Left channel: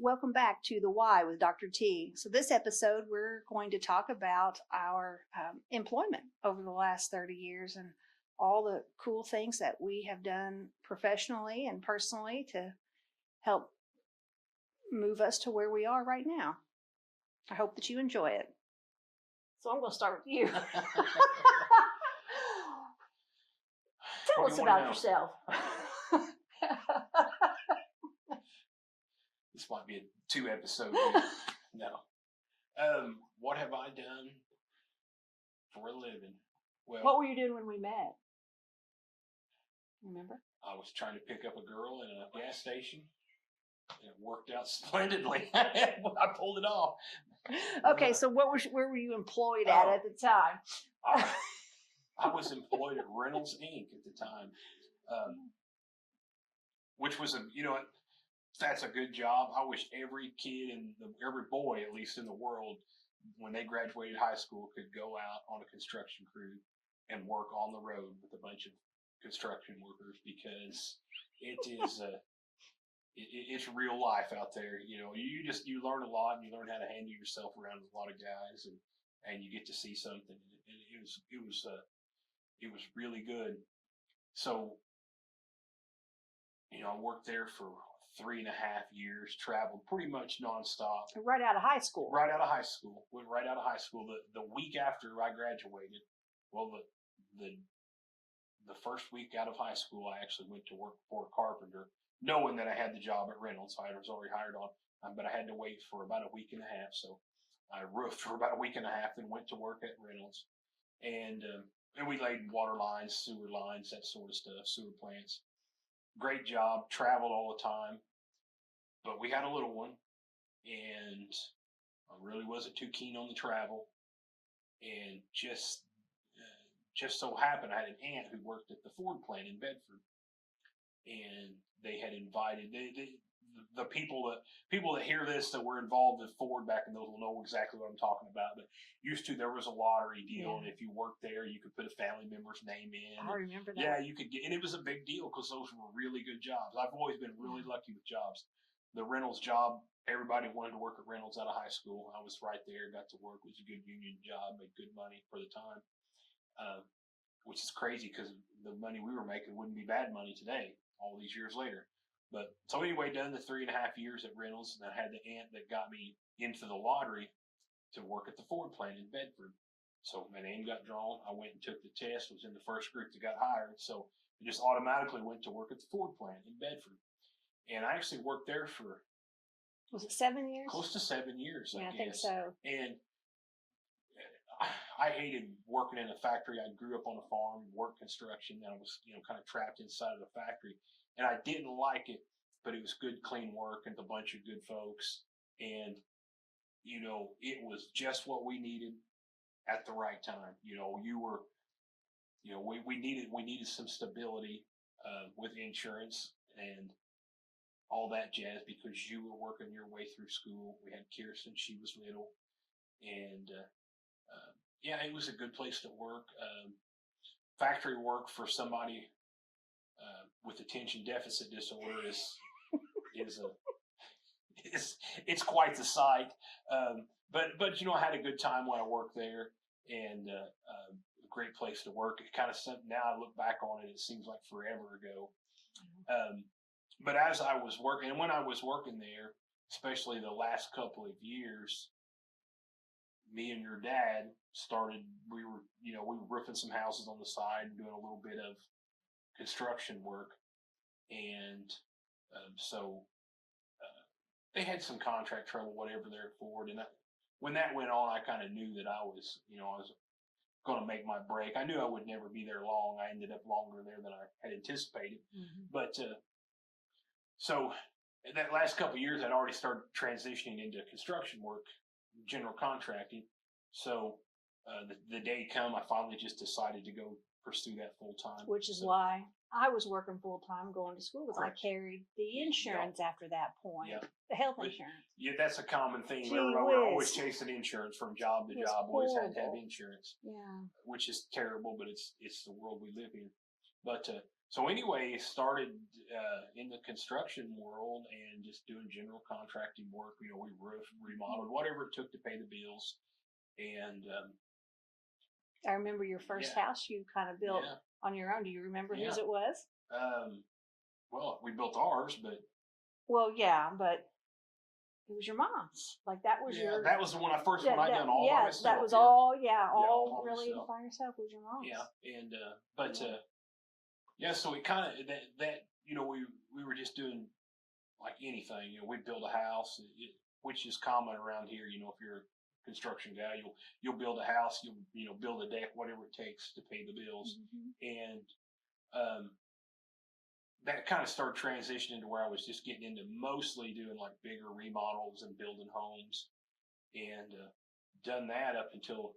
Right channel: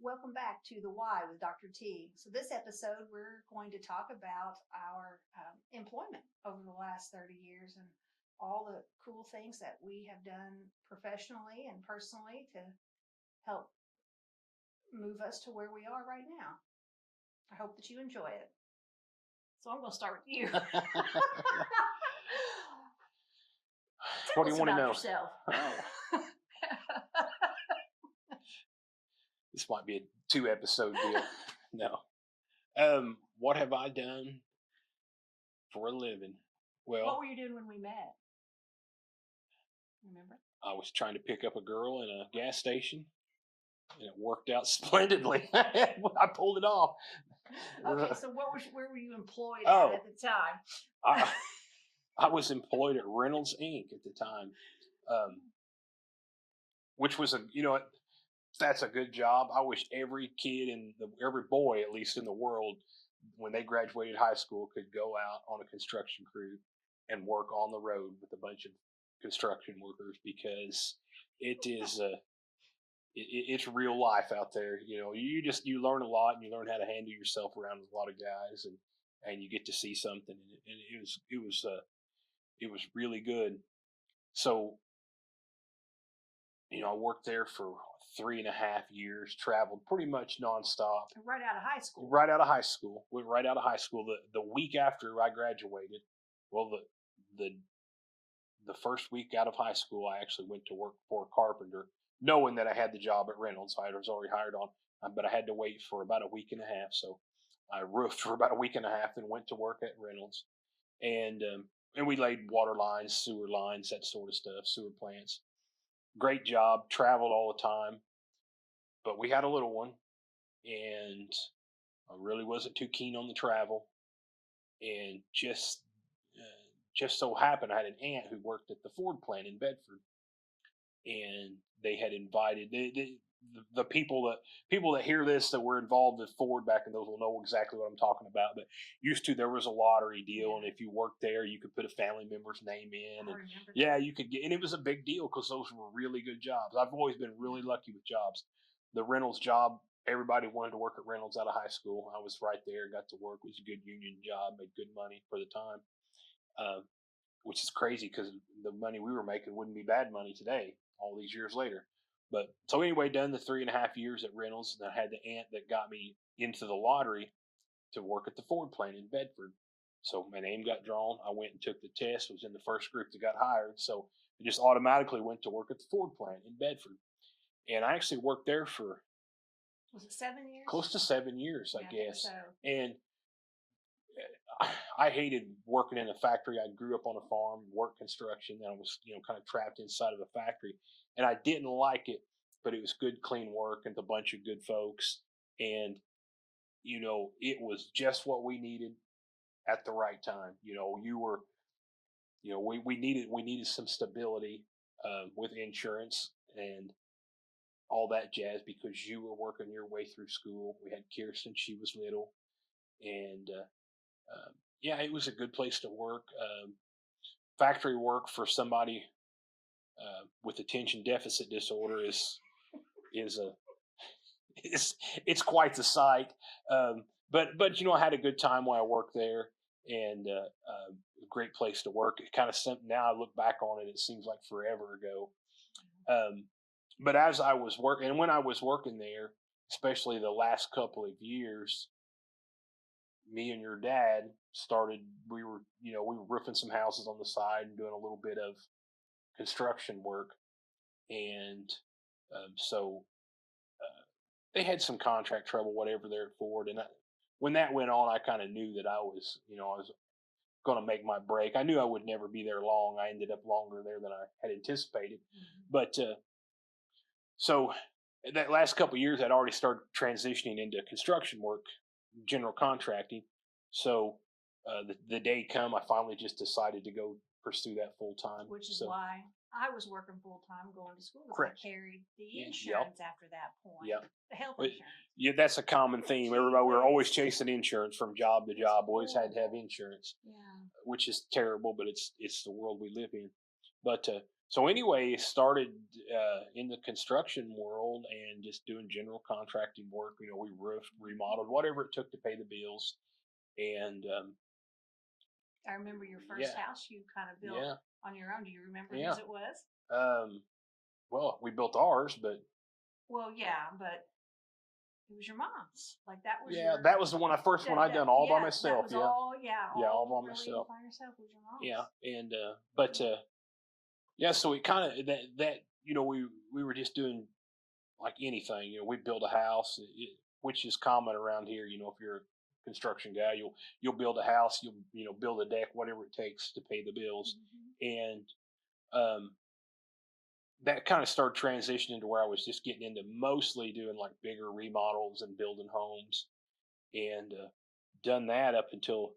Welcome back to The Why with Dr. T. So this episode, we're going to talk about our employment over the last 30 years and all the cool things that we have done professionally and personally to help move us to where we are right now. I hope that you enjoy it. So I'm going to start with you. Tell us about yourself. This might be a 2-episode deal. No. What have I done for a living? Well, what were you doing when we met? Remember? I was trying to pick up a girl in a gas station, and it worked out splendidly. I pulled it off. Okay, so where were you employed at the time? I was employed at Reynolds Inc. at the time, which was that's a good job. I wish every kid every boy, at least in the world, when they graduated high school, could go out on a construction crew and work on the road with a bunch of construction workers, because it is it's real life out there. You learn a lot, and you learn how to handle yourself around a lot of guys, and you get to see something, and it was really good. So, I worked there for 3.5 years, traveled pretty much nonstop. Right out of high school. Right out of high school. Went right out of high school. The week after I graduated, well, the first week out of high school, I actually went to work for a carpenter, knowing that I had the job at Reynolds. I was already hired on, but I had to wait for about a week and a half. So I roofed for about a week and a half and went to work at Reynolds. And we laid water lines, sewer lines, that sort of stuff, sewer plants. Great job, traveled all the time. But we had a little one, and I really wasn't too keen on the travel. And just so happened, I had an aunt who worked at the Ford plant in Bedford, and they had invited the people that hear this that were involved with Ford back in those will know exactly what I'm talking about. But there was a lottery deal, and if you worked there, you could put a family member's name in. I remember that. Yeah, you could get, and it was a big deal because those were really good jobs. I've always been really lucky with jobs. The Reynolds job, everybody wanted to work at Reynolds out of high school. I was right there, got to work. It was a good union job, made good money for the time, which is crazy because the money we were making wouldn't be bad money today, all these years later. But so anyway, done the 3.5 years at Reynolds, and I had the aunt that got me into the lottery to work at the Ford plant in Bedford. So my name got drawn. I went and took the test, was in the first group that got hired. So I just automatically went to work at the Ford plant in Bedford. And I actually worked there for, was it 7 years? Close to 7 years, I guess. I think so. And I hated working in a factory. I grew up on a farm, worked construction, and I was, kind of trapped inside of a factory. And I didn't like it, but it was good, clean work and a bunch of good folks. And, it was just what we needed at the right time. We needed some stability with insurance and all that jazz, because you were working your way through school. We had Kirsten, she was little, and it was a good place to work. Factory work for somebody with attention deficit disorder it's quite the sight. But I had a good time while I worked there, and a great place to work. It kind of something, now I look back on it, it seems like forever ago. But as I was working, and when I was working there, especially the last couple of years, me and your dad started, we were roofing some houses on the side and doing a little bit of construction work. And so they had some contract trouble, whatever, there at Ford. And when that went on, I kind of knew that I was going to make my break. I knew I would never be there long. I ended up longer there than I had anticipated. Mm-hmm. But so that last couple of years, I'd already started transitioning into construction work, general contracting. So the day come, I finally just decided to go pursue that full time. Which is why I was working full time, going to school, because I carried the insurance after that point. Yep. The health insurance. Yeah, that's a common theme. Everybody, we're always chasing insurance from job to job. Always had to have insurance. Yeah. Which is terrible, but it's the world we live in. But so anyway, started in the construction world and just doing general contracting work. You know, we roofed, remodeled, whatever it took to pay the bills. And I remember your first house you kind of built on your own. Do you remember whose it was? Well, we built ours, but well, yeah, but it was your mom's. Like that was that was the one I done all by myself. That was all all by really myself. by yourself was your mom's. Yeah, and but so we kind of that you know we were just doing like anything. You know, we'd build a house, which is common around here. You know, if you're a construction guy, you'll build a house, you'll build a deck, whatever it takes to pay the bills, and that kind of started transitioning to where I was just getting into mostly doing like bigger remodels and building homes, and done that up until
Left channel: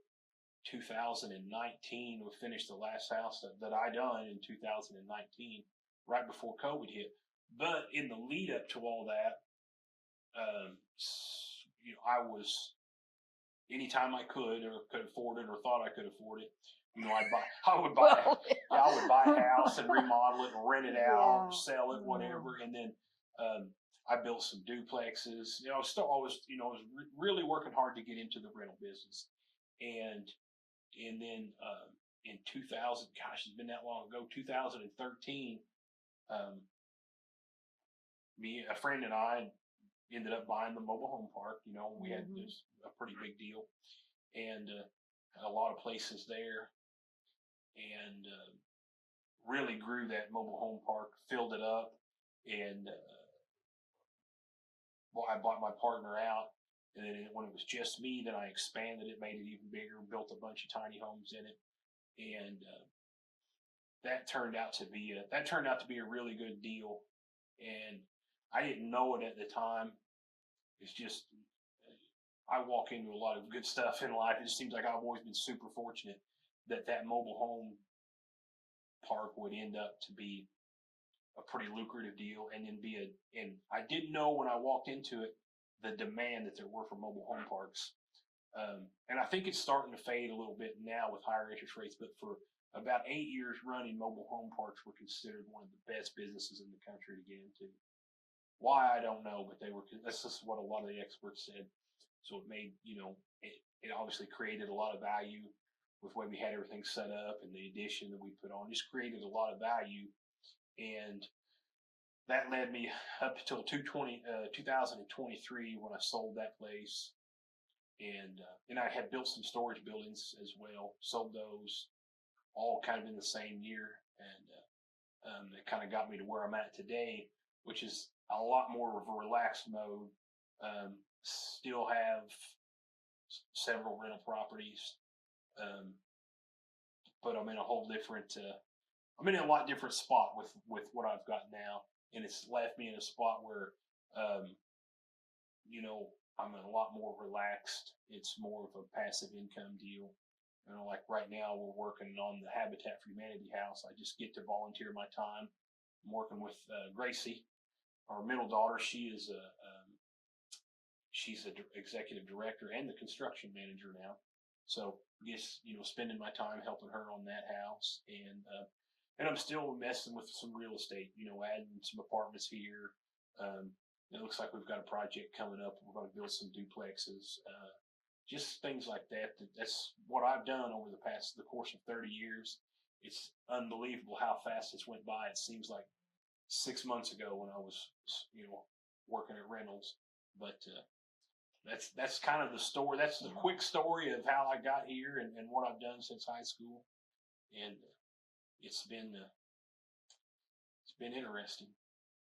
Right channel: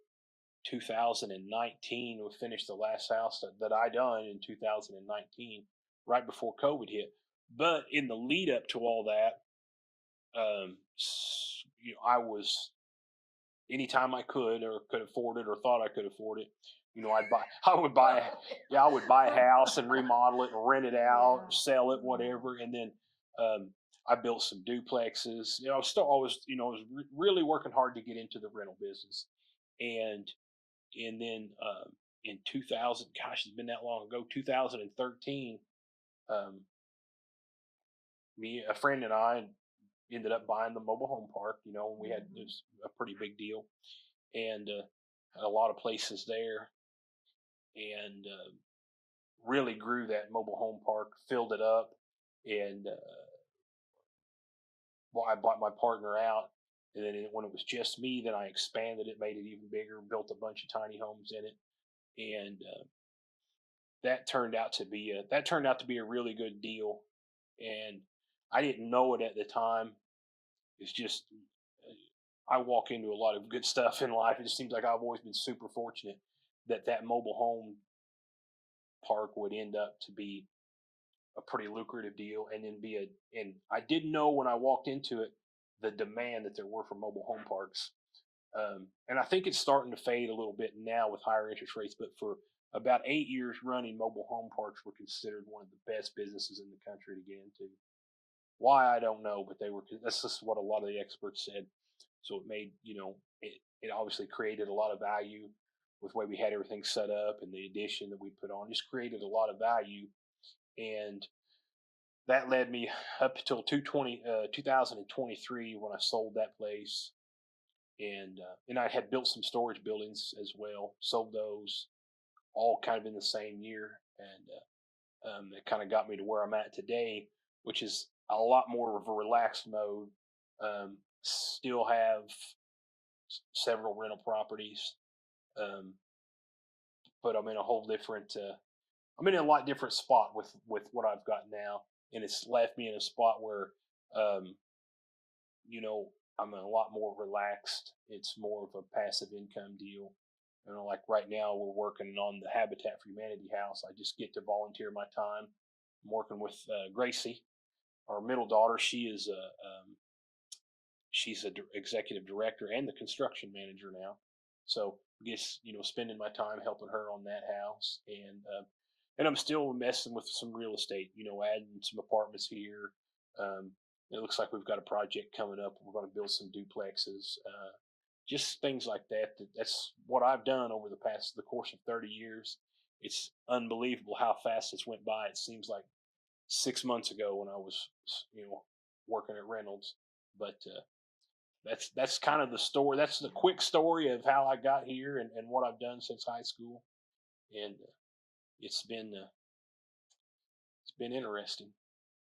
2019. We finished the last house that I done in 2019, right before COVID hit. But in the lead up to all that, you know, I was, anytime I could or could afford it or thought I could afford it, you know, I would buy a house and remodel it and rent it out, or sell it, whatever. And then I built some duplexes. You know, I was really working hard to get into the rental business. And then in 2000, gosh, it's been that long ago, 2013, a friend and I ended up buying the mobile home park. You know, we had this a pretty big deal, and had a lot of places there, and really grew that mobile home park, filled it up, and I bought my partner out. And then when it was just me, then I expanded it, made it even bigger, built a bunch of tiny homes in it, and that turned out to be a really good deal. And I didn't know it at the time. It's just I walk into a lot of good stuff in life. It just seems like I've always been super fortunate that mobile home park would end up to be a pretty lucrative deal, and then and I didn't know when I walked into it the demand that there were for mobile home parks. And I think it's starting to fade a little bit now with higher interest rates, but for about 8 years running, mobile home parks were considered one of the best businesses in the country to get into. Why, I don't know, but that's just what a lot of the experts said. So it made, you know, it obviously created a lot of value with the way we had everything set up, and the addition that we put on just created a lot of value. And that led me up until 2023 when I sold that place. And I had built some storage buildings as well, sold those all kind of in the same year. And it kind of got me to where I'm at today, which is a lot more of a relaxed mode. Still have several rental properties, but I'm in a whole different, I'm in a lot different spot with what I've got now. And it's left me in a spot where, you know, I'm a lot more relaxed. It's more of a passive income deal. You know, like right now we're working on the Habitat for Humanity house. I just get to volunteer my time. I'm working with Gracie, our middle daughter. She's an executive director and the construction manager now. So I guess, you know, spending my time helping her on that house, and I'm still messing with some real estate, you know, adding some apartments here. It looks like we've got a project coming up. We're going to build some duplexes, just things like that. That's what I've done over the course of 30 years. It's unbelievable how fast it's went by. It seems like 6 months ago when I was, you know, working at Reynolds. But that's kind of the story. That's the quick story of how I got here and what I've done since high school. And it's been interesting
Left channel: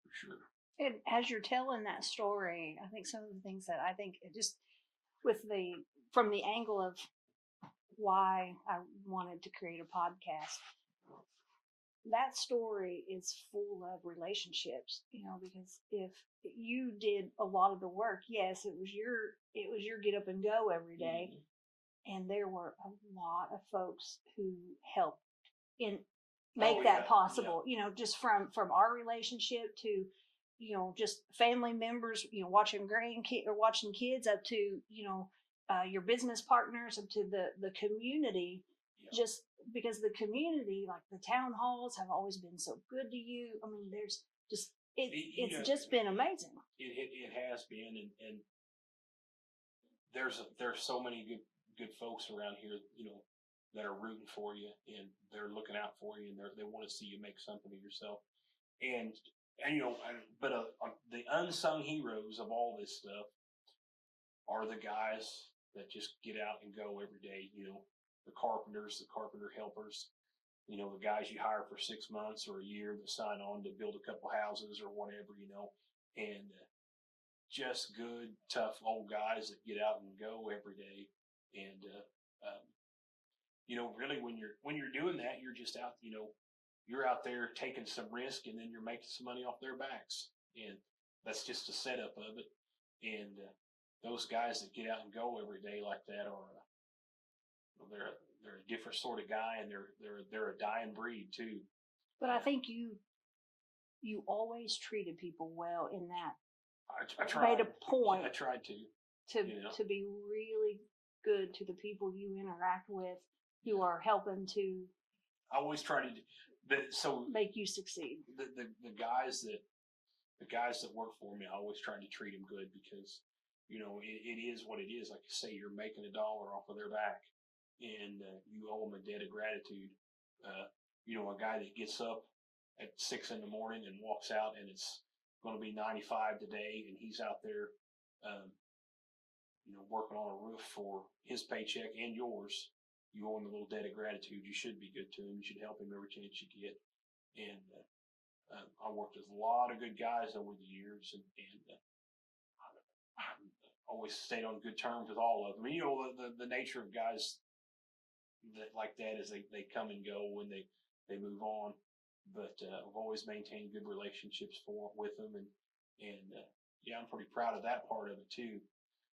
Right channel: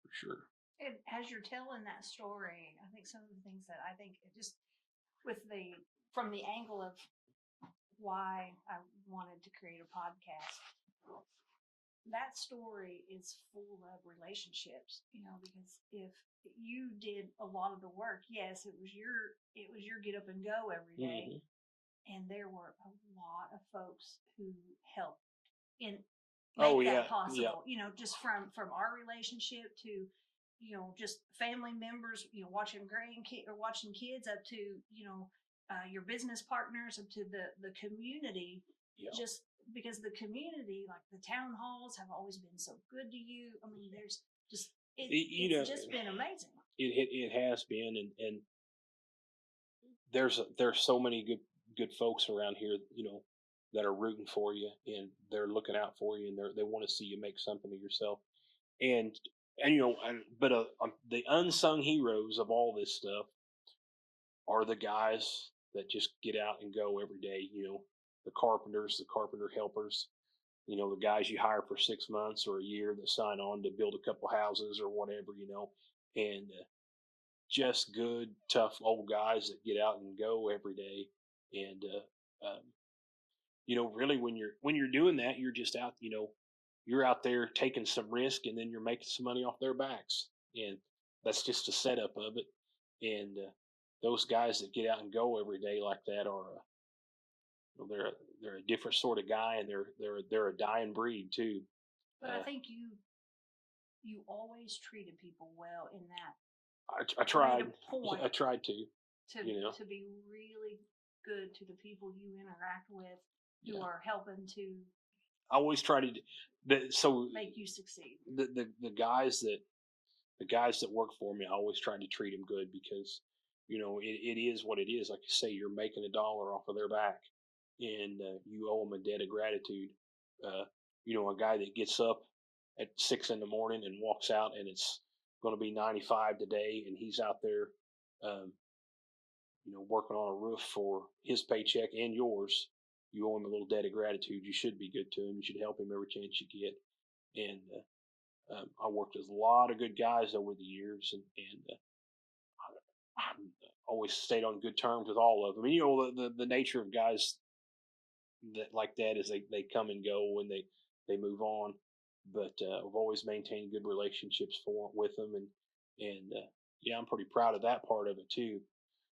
for sure. And as you're telling that story, I think some of the things that I think just from the angle of why I wanted to create a podcast, that story is full of relationships, you know, because if you did a lot of the work, yes, it was your get up and go every day. And there were a lot of folks who helped make that possible, you know, just from our relationship to, you know, just family members, you know, watching kids up to, you know, your business partners, up to the community. Yeah. just because the community, like the town halls, have always been so good to you. I mean, there's just it's just been amazing. It has been, and there's so many good folks around here, that are rooting for you, and they're looking out for you, and they want to see you make something of yourself. And but the unsung heroes of all this stuff are the guys that just get out and go every day. The carpenters, the carpenter helpers, the guys you hire for 6 months or a year that sign on to build a couple houses or whatever, and just good, tough old guys that get out and go every day. And really, when you're doing that, you're just out, you're out there taking some risk, and then you're making some money off their backs, and that's just a setup of it. And those guys that get out and go every day like that are, they're a different sort of guy, and they're a dying breed too. But I think you always treated people well in that. I tried. Made a point. I tried to be really good to the people you interact with, who are helping to. I always try to make you succeed. The guys that work for me, I always try to treat them good, because it is what it is. Like you say, you're making $1 off of their back, and you owe them a debt of gratitude. A guy that gets up at 6 a.m. and walks out, and it's going to be 95 today, and he's out there, working on a roof for his paycheck and yours. You owe him a little debt of gratitude. You should be good to him. You should help him every chance you get. And I worked with a lot of good guys over the years, and I always stayed on good terms with all of them. And, the nature of guys that like that is they come and go, and they move on. But I've always maintained good relationships with them, and I'm pretty proud of that part of it too.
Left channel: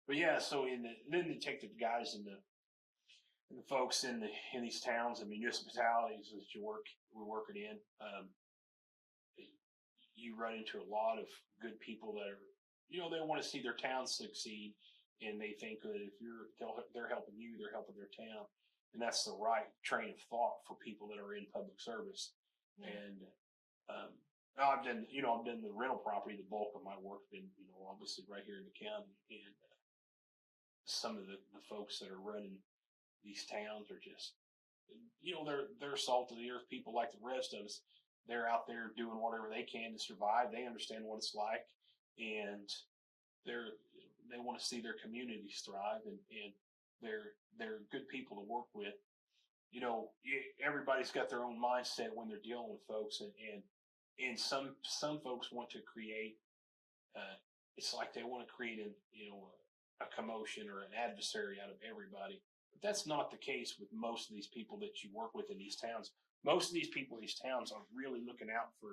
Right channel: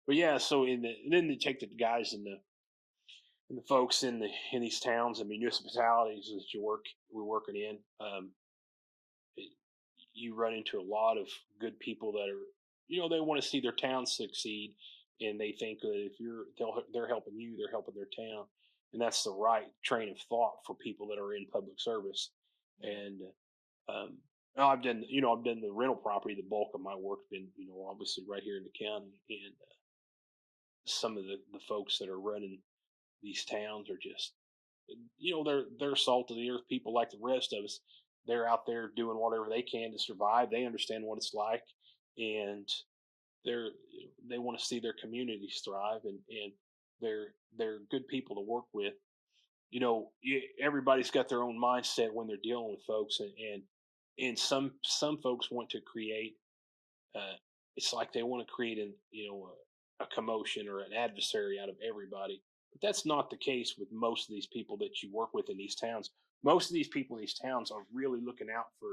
But yeah, so then they take the guys and the folks in these towns and municipalities that we're working in. You run into a lot of good people that are, they want to see their town succeed, and they think that if they're helping you, they're helping their town, and that's the right train of thought for people that are in public service. And I've done the rental property. The bulk of my work been, obviously right here in the county, and some of the folks that are running these towns are just, they're salt of the earth people like the rest of us. They're out there doing whatever they can to survive. They understand what it's like, and they want to see their communities thrive, and they're good people to work with. Everybody's got their own mindset when they're dealing with folks, and some folks want to create. It's like they want to create a commotion or an adversary out of everybody. But that's not the case with most of these people that you work with in these towns. Most of these people in these towns are really looking out for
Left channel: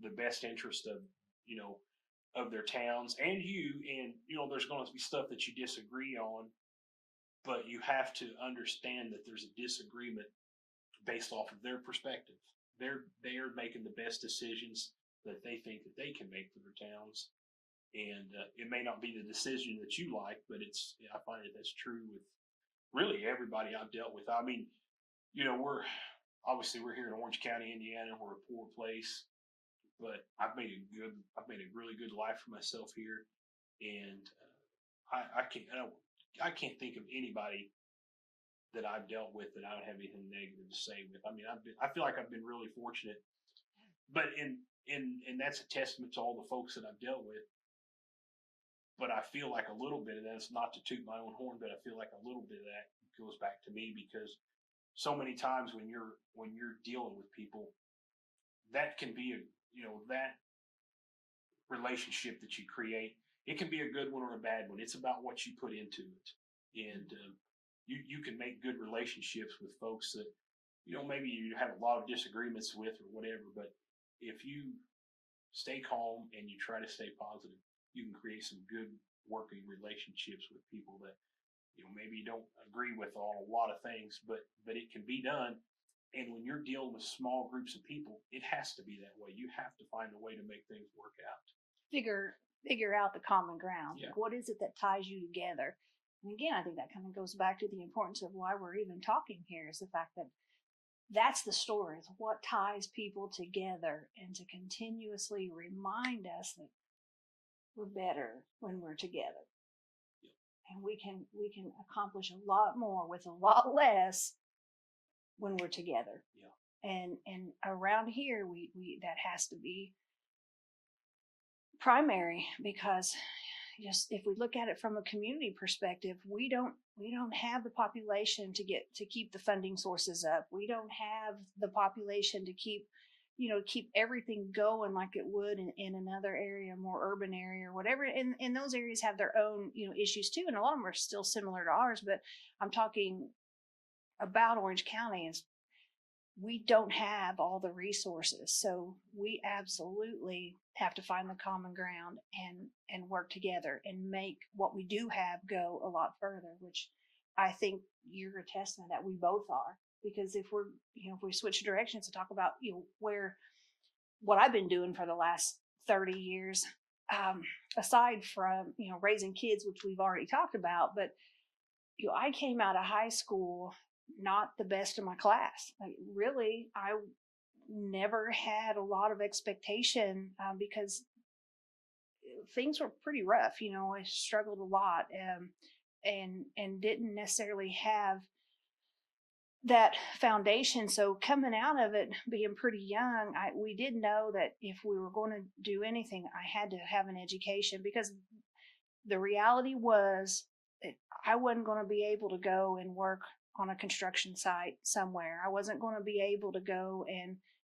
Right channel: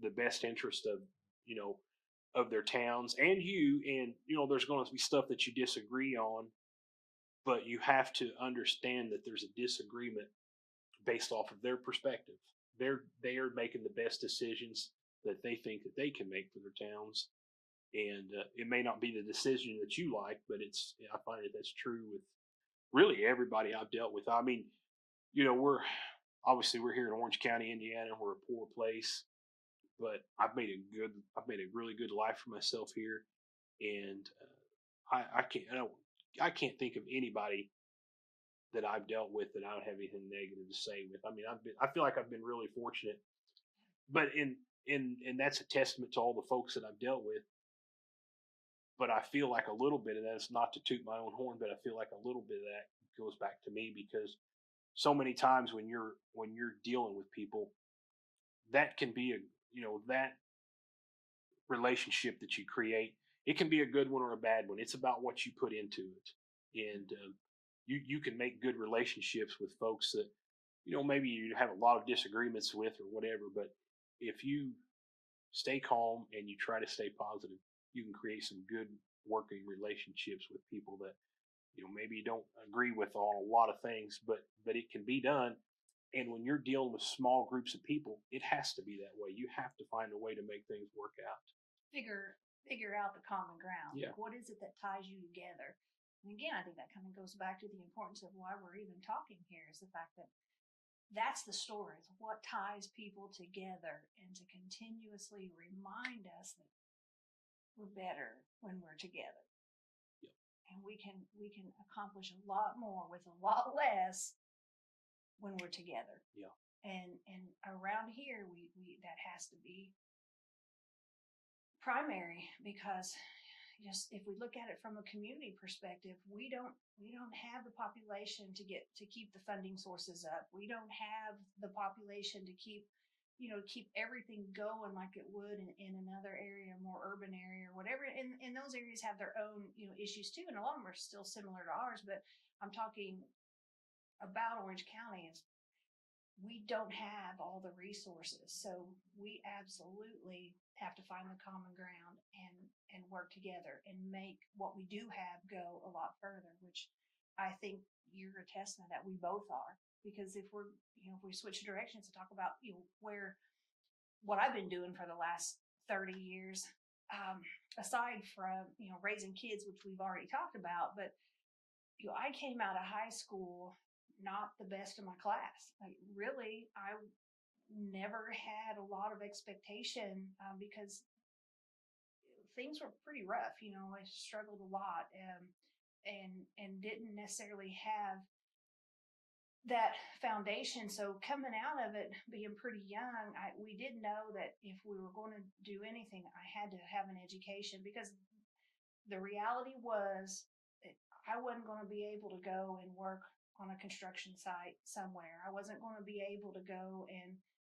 the best interest of their towns and you. And there's going to be stuff that you disagree on, but you have to understand that there's a disagreement based off of their perspective. They are making the best decisions that they think that they can make for their towns, and it may not be the decision that you like, but I find that's true with really everybody I've dealt with. I mean, we're here in Orange County, Indiana. We're a poor place, but I've made a really good life for myself here, and I can't think of anybody that I've dealt with that I don't have anything negative to say with. I mean, I feel like I've been really fortunate, but and that's a testament to all the folks that I've dealt with. But I feel like a little bit of that, it's not to toot my own horn, but I feel like a little bit of that goes back to me, because so many times when you're dealing with people, that can be that relationship that you create. It can be a good one or a bad one. It's about what you put into it, and you can make good relationships with folks that maybe you have a lot of disagreements with or whatever. But if you stay calm and you try to stay positive, you can create some good working relationships with people that maybe you don't agree with on a lot of things, but it can be done. And when you're dealing with small groups of people, it has to be that way. You have to find a way to make things work out. Figure out the common ground. Yeah. Like, what is it that ties you together? And again, I think that kind of goes back to the importance of why we're even talking here, is the fact that that's the story. It's what ties people together, and to continuously remind us that we're better when we're together. And we can accomplish a lot more with a lot less when we're together. Yeah. And around here, we that has to be primary, because just if we look at it from a community perspective, we don't have the population to keep the funding sources up. We don't have the population to keep everything going like it would in another area, more urban area or whatever. And those areas have their own, issues too. And a lot of them are still similar to ours, but I'm talking about Orange County, and we don't have all the resources. So we absolutely have to find the common ground and work together and make what we do have go a lot further, which I think you're a testament that we both are. Because if we switch directions to talk about, what I've been doing for the last 30 years, aside from, raising kids, which we've already talked about, but, I came out of high school not the best in my class. Like, really, I never had a lot of expectation, because things were pretty rough. I struggled a lot, and didn't necessarily have that foundation. So coming out of it, being pretty young, we did know that if we were going to do anything, I had to have an education, because the reality was that I wasn't going to be able to go and work on a construction site somewhere. I wasn't going to be able to go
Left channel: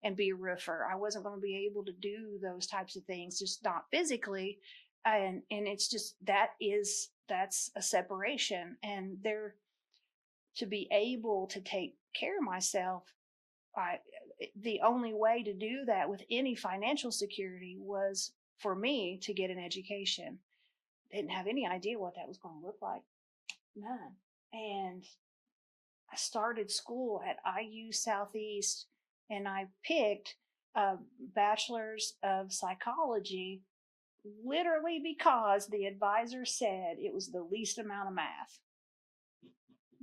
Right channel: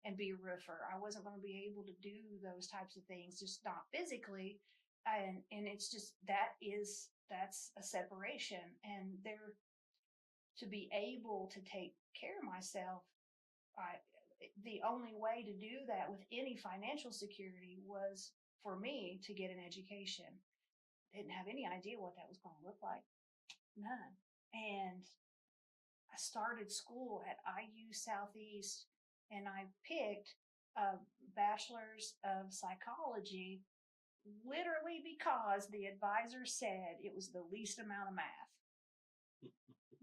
and be a roofer. I wasn't going to be able to do those types of things, just not physically. And it's just, that's a separation. And to be able to take care of myself, the only way to do that with any financial security was for me to get an education. Didn't have any idea what that was going to look like. None. And I started school at IU Southeast, and I picked a bachelor's of psychology literally because the advisor said it was the least amount of math.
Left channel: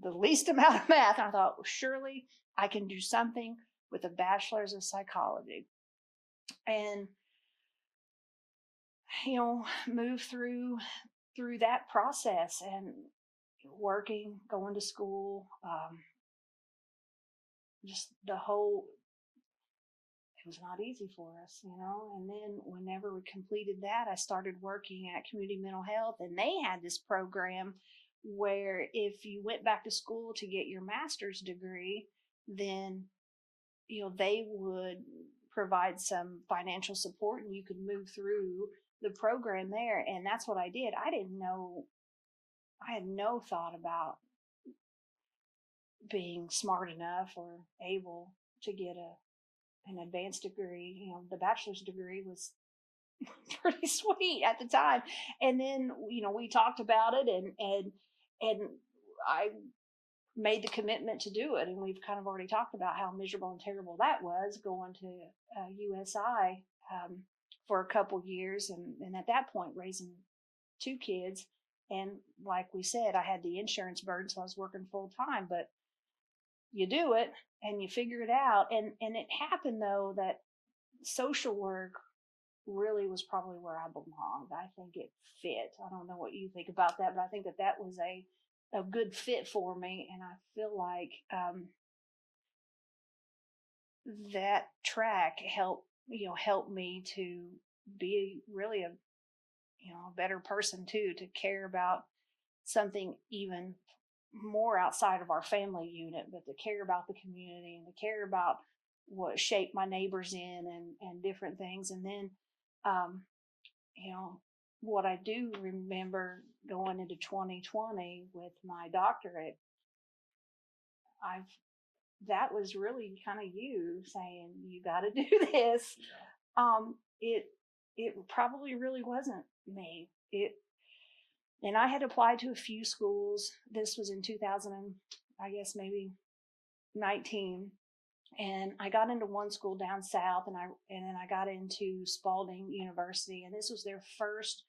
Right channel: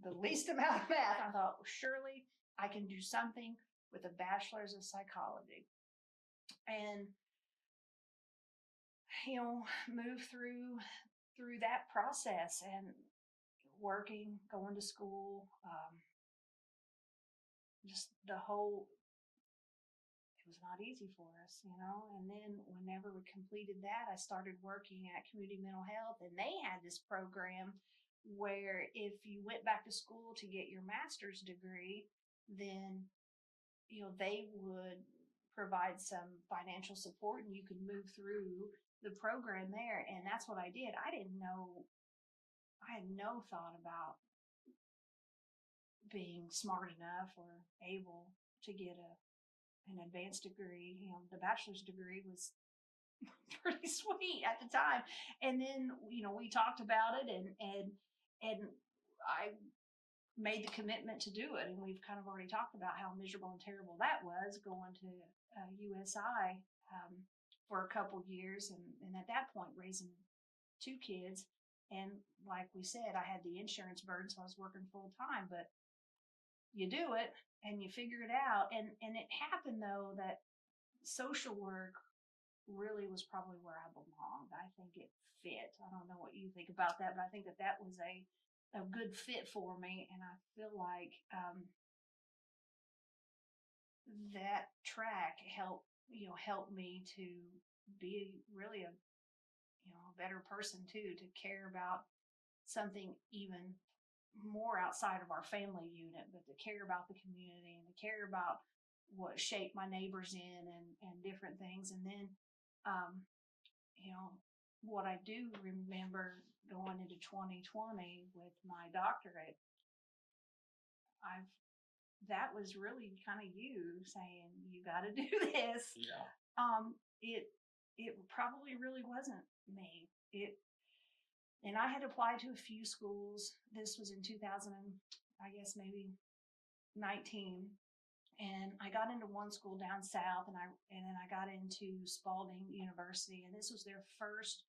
The least amount of math. And I thought, well, surely I can do something with a bachelor's of psychology. And, move through that process and working, going to school, just the whole, it was not easy for us, and then whenever we completed that, I started working at Community Mental Health, and they had this program where if you went back to school to get your master's degree, then, they would provide some financial support and you could move through the program there. And that's what I did. I had no thought about being smart enough or able to get an advanced degree. The bachelor's degree was pretty sweet at the time. And then, we talked about it, and I made the commitment to do it. And we've kind of already talked about how miserable and terrible that was, going to USI for a couple years. And at that point, raising 2 kids. And like we said, I had the insurance burden, so I was working full time, but you do it and you figure it out. And it happened, though, that social work really was probably where I belonged. I think it fit. I don't know what you think about that, but I think that was a good fit for me. And I feel like that track helped me to be really a better person too, to care about something even more outside of our family unit, but to care about the community and to care about what shaped my neighbors in and different things. And then, what I do remember going into 2020 with my doctorate, that was really kind of you saying, you got to do this. Yeah. It probably really wasn't me. And I had applied to a few schools. This was in 2000, I guess maybe 19. And I got into one school down south, and then I got into Spalding University, and this was their first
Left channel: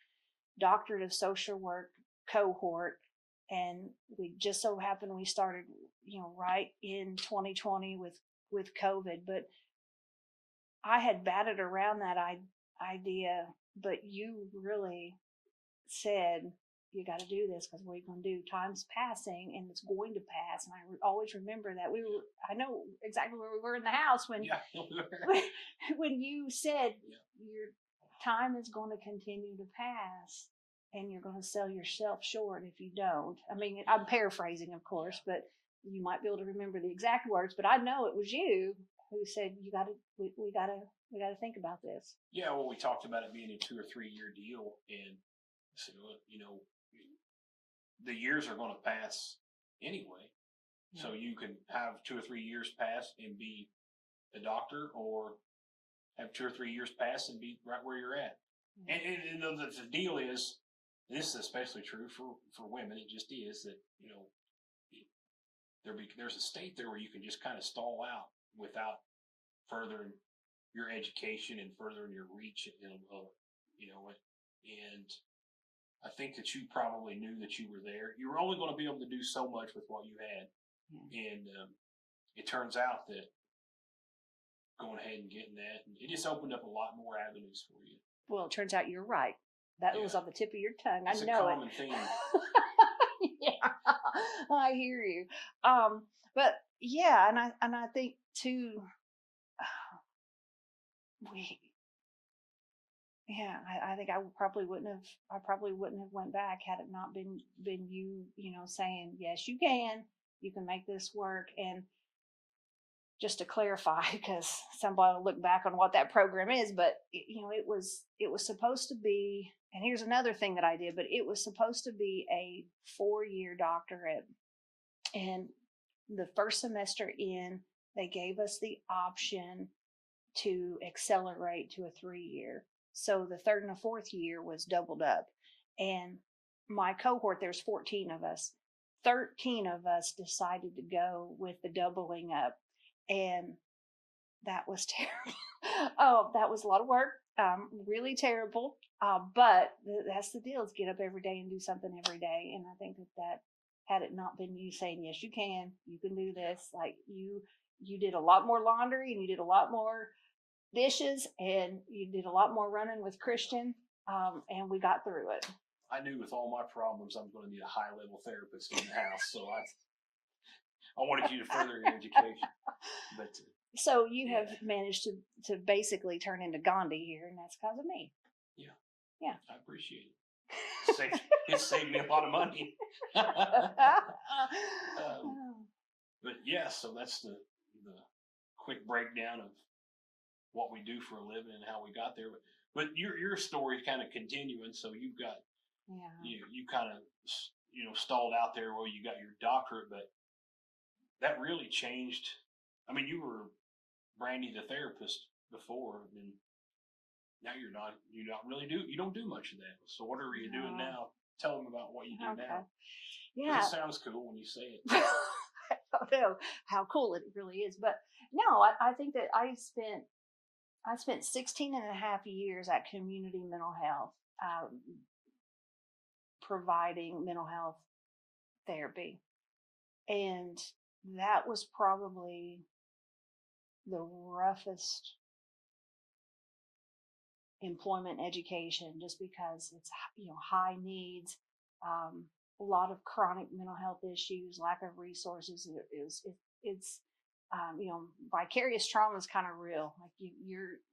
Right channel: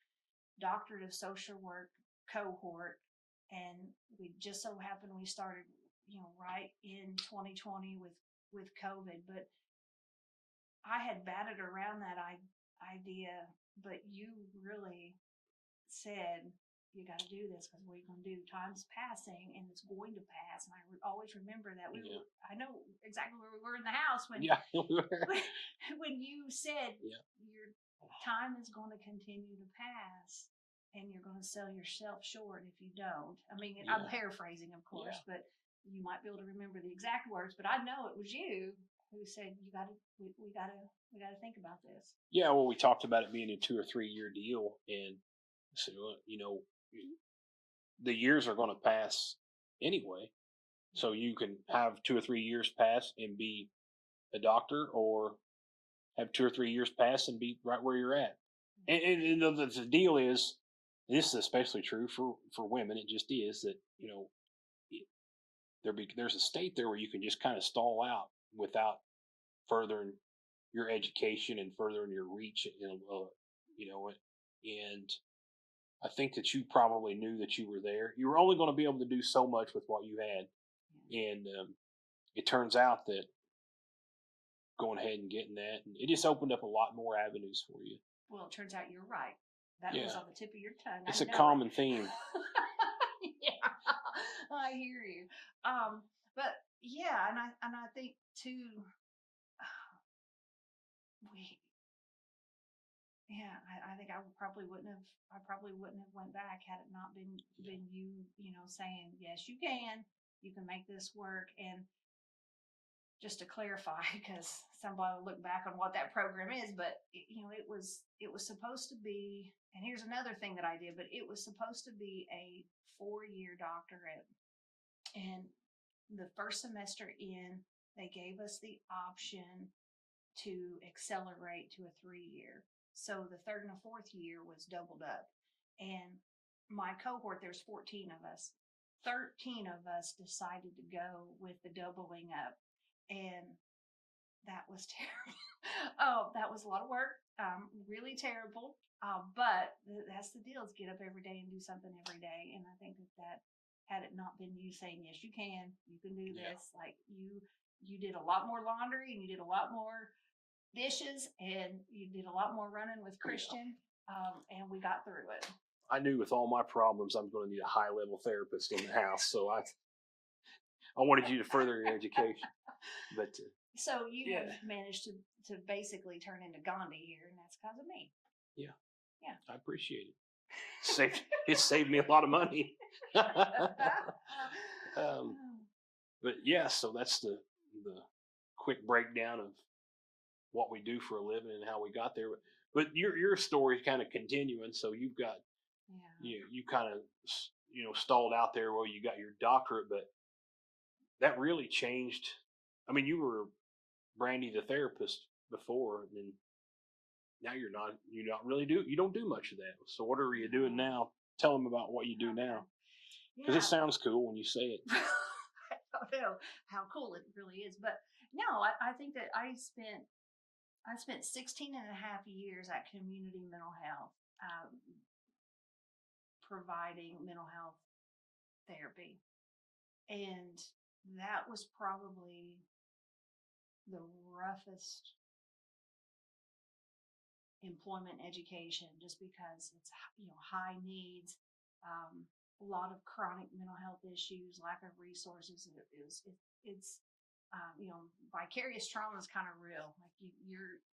doctorate of social work cohort. and we just so happened we started, right in 2020 with COVID. But I had batted around that idea, but you really said, you got to do this, because what are you going to do? Time's passing and it's going to pass. And I always remember that I know exactly where we were in the house when, when you said your time is going to continue to pass and you're going to sell yourself short if you don't. I mean, I'm paraphrasing, of course, but you might be able to remember the exact words, but I know it was you who said, we got to think about this. Yeah. Well, we talked about it being a 2 or 3 year deal, and so, the years are going to pass anyway. So you can have 2 or 3 years pass and be a doctor, or have 2 or 3 years pass and be right where you're at. And the deal is, this is especially true for women. It just is that, there's a state there where you can just kind of stall out without furthering your education and furthering your reach, and I think that you probably knew that you were there. You were only going to be able to do so much with what you had. And it turns out that going ahead and getting that, and it just opened up a lot more avenues for you. Well, it turns out you're right. That was on the tip of your tongue. It's a common theme. I hear you. But yeah, and I think too, I think I probably wouldn't have went back had it not been you, saying, yes, you can make this work. And just to clarify, because somebody will look back on what that program is, but it was supposed to be, and here's another thing that I did, but it was supposed to be a 4-year doctorate. And the first semester in, they gave us the option to accelerate to a 3-year. So the third and the fourth year was doubled up. And my cohort, there's 14 of us. 13 of us decided to go with the doubling up. And that was terrible. Oh, that was a lot of work. Really terrible. But that's the deal, is get up every day and do something every day. And I think that had it not been you saying, yes, you can do this. Like you did a lot more laundry, and you did a lot more dishes, and you did a lot more running with Christian, and we got through it. I knew with all my problems I'm going to need a high-level therapist in the house, so I wanted you to further your education. But so you have managed to basically turn into Gandhi here, and that's because of me. Yeah, I appreciate it. It saved me a lot of money. But yeah, so that's the quick breakdown of what we do for a living and how we got there. But your story is kind of continuing. So you've got, you kind of, stalled out there where you got your doctorate, but that really changed. I mean, you were Brandy the therapist before, and now you don't do much of that. So what are you doing now? Tell them about what you do now. Yeah. It sounds cool when you say it. I don't know how cool it really is, but no, I think that I spent 16 and a half years at Community Mental Health, providing mental health therapy. And that was probably the roughest employment education, just because it's, high needs, a lot of chronic mental health issues, lack of resources. It's vicarious trauma is kind of real. Like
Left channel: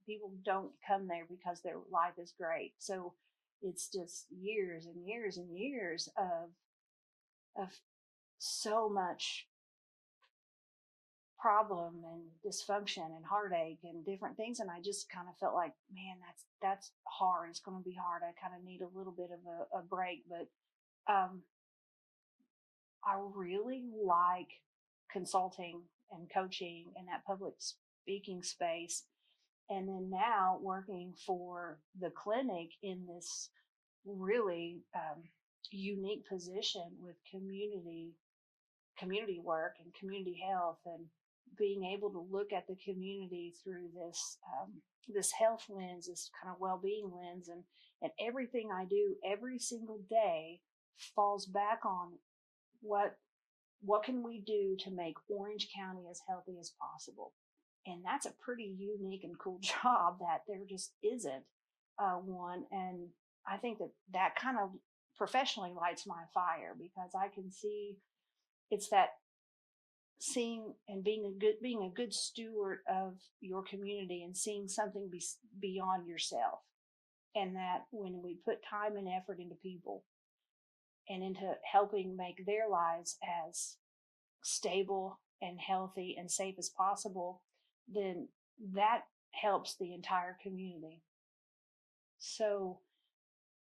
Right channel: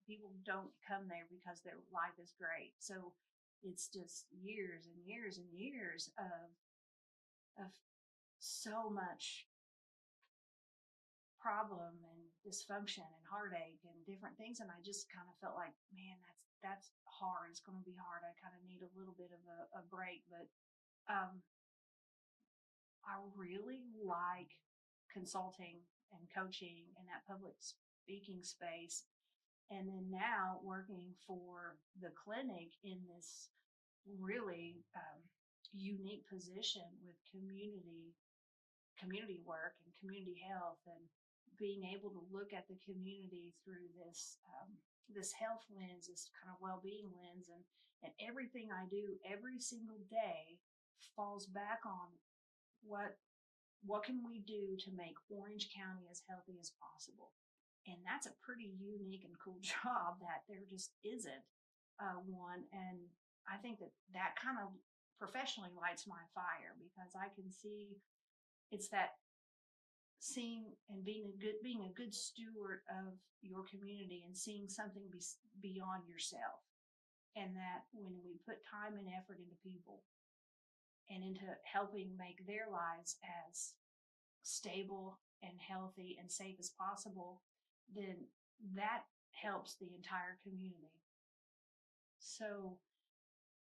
people don't come there because their life is great. So it's just years and years and years of so much problem and dysfunction and heartache and different things. And I just kind of felt like, man, that's hard. It's going to be hard. I kind of need a little bit of a break. But I really like consulting and coaching in that public speaking space. And then now working for the clinic in this really unique position with community work and community health, and being able to look at the community through this health lens, this kind of well-being lens, and everything I do every single day falls back on what can we do to make Orange County as healthy as possible? And that's a pretty unique and cool job that there just isn't one. And I think that kind of professionally lights my fire, because I can see it's that seeing and being a good steward of your community and seeing something beyond yourself. And that when we put time and effort into people and into helping make their lives as stable and healthy and safe as possible, then that helps the entire community. So,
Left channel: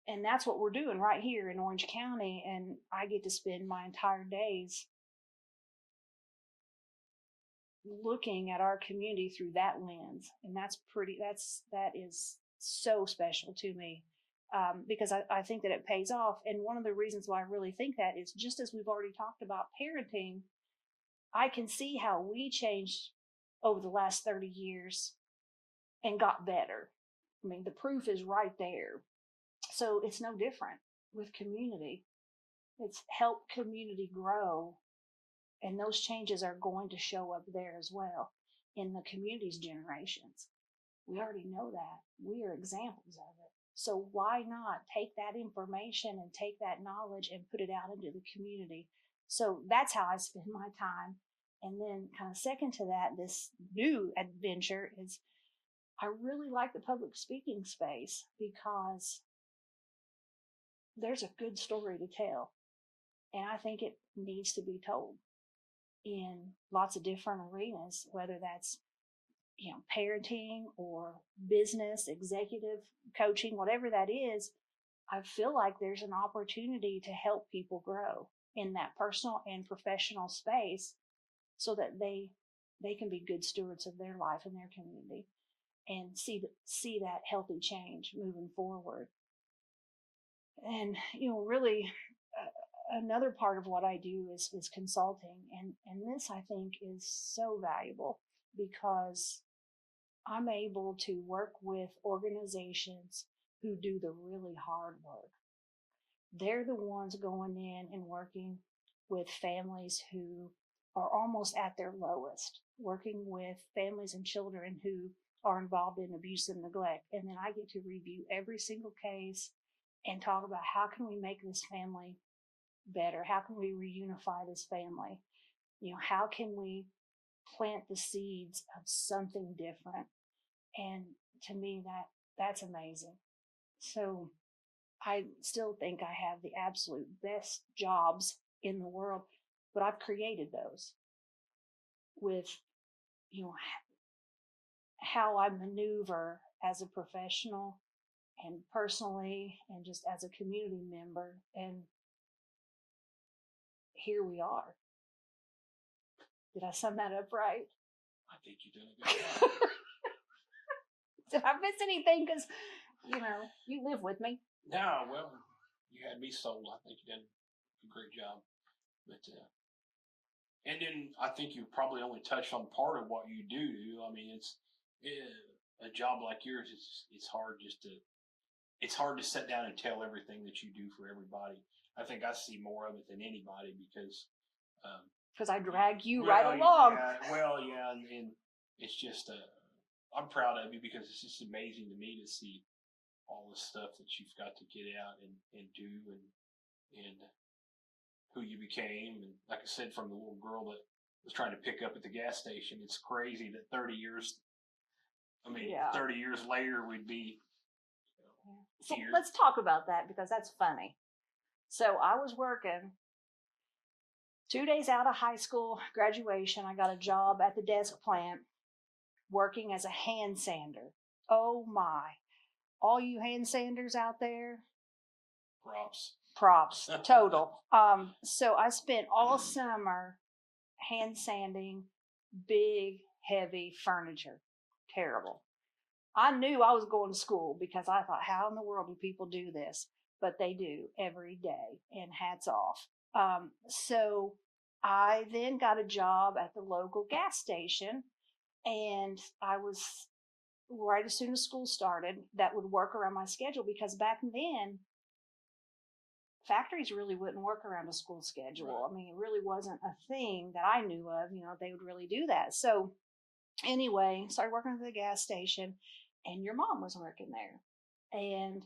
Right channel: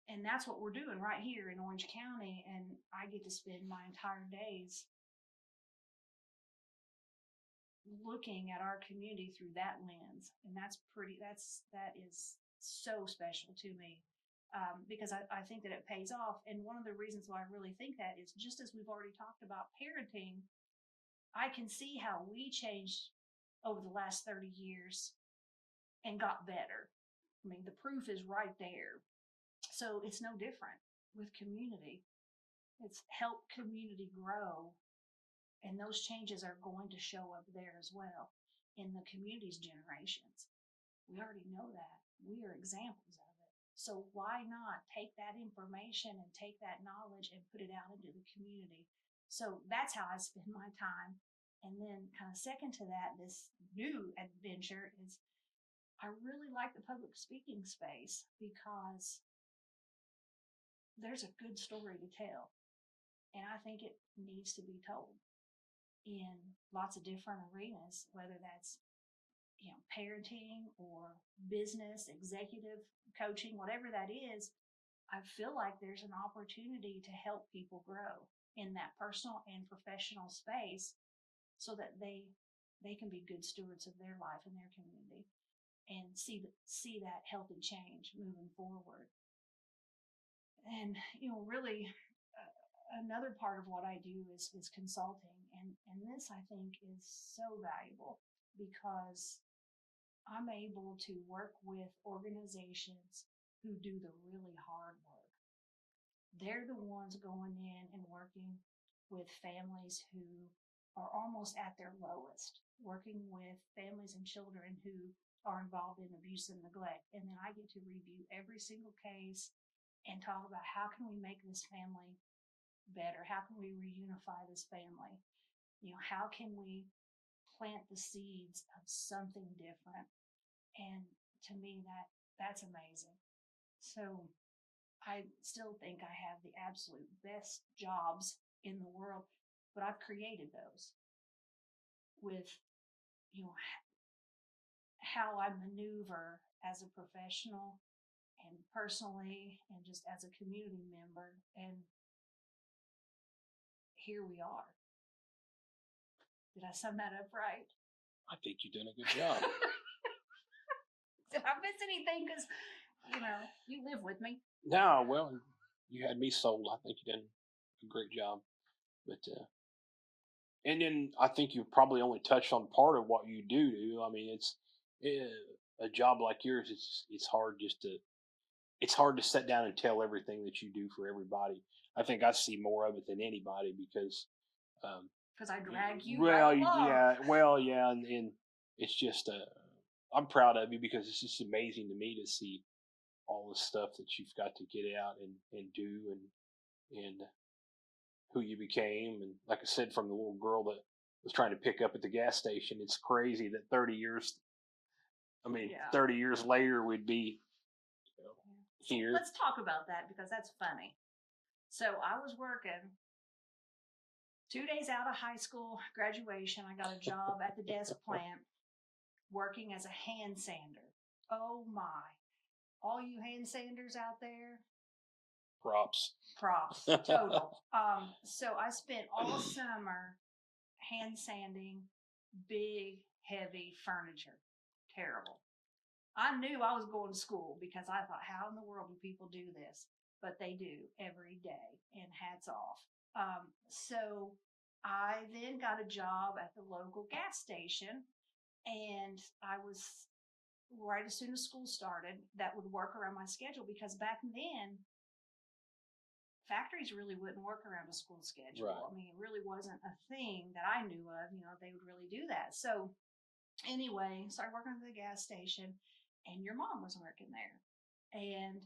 and that's what we're doing right here in Orange County. And I get to spend my entire days looking at our community through that lens. And that is so special to me. Because I think that it pays off. And one of the reasons why I really think that is, just as we've already talked about parenting, I can see how we changed over the last 30 years and got better. I mean, the proof is right there. So it's no different with community. It's helped community grow, and those changes are going to show up there as well in the community's generations. We already know that. We are examples of it. So why not take that information and take that knowledge and put it out into the community? So that's how I spend my time. And then kind of second to that, this new adventure is I really like the public speaking space, because there's a good story to tell. And I think it needs to be told in lots of different arenas, whether that's parenting or business, executive coaching, whatever that is. I feel like there's an opportunity to help people grow in that personal and professional space, so that they can be good stewards of their life and their community, and see that healthy change moving forward. And really, another part of what I do is consulting, and this I think is so valuable, because I'm able to work with organizations who do the really hard work. They're the ones going in and working with families who are almost at their lowest, working with families and children who are involved in abuse and neglect. And then I get to review every single case and talk about how can we make this family better? How can we reunify this family? How can we plant the seeds of something different? And to me, that's amazing. So I still think I have the absolute best jobs in the world, but I've created those with, how I maneuver as a professional and personally and just as a community member. And here we are. Did I sum that up right? I think you've done a good job. Did I miss anything? Because, you live with me. No, well, you had me sold. I think you done a great job. But and then I think you probably only touched on part of what you do. I mean, it's a job like yours. It's hard to sit down and tell everything that you do for everybody. I think I see more of it than anybody, because I drag you right along. Yeah, and it's just I'm proud of you, because it's just amazing to me to see all the stuff that you've got to get out and do, and who you became. And like I said, from the little girl that was trying to pick up at the gas station, it's crazy that 30 years later we'd be here. So let's talk about that, because that's funny. So I was working 2 days out of high school graduation. I got a job at the desk plant working as a hand sander. Oh my. All you hand sanders out there. Props. Total. So I spent all summer hand sanding big, heavy furniture. Terrible. I knew I was going to school, because I thought, how in the world do people do this? But they do every day, and hats off. So I then got a job at the local gas station, and I was right as soon as school started, that would work around my schedule, because back then factories really wouldn't work around a school schedule. Right. I mean, it really wasn't a thing that I knew of, they would really do that. So anyway, started working at the gas station, and your mom was working there. And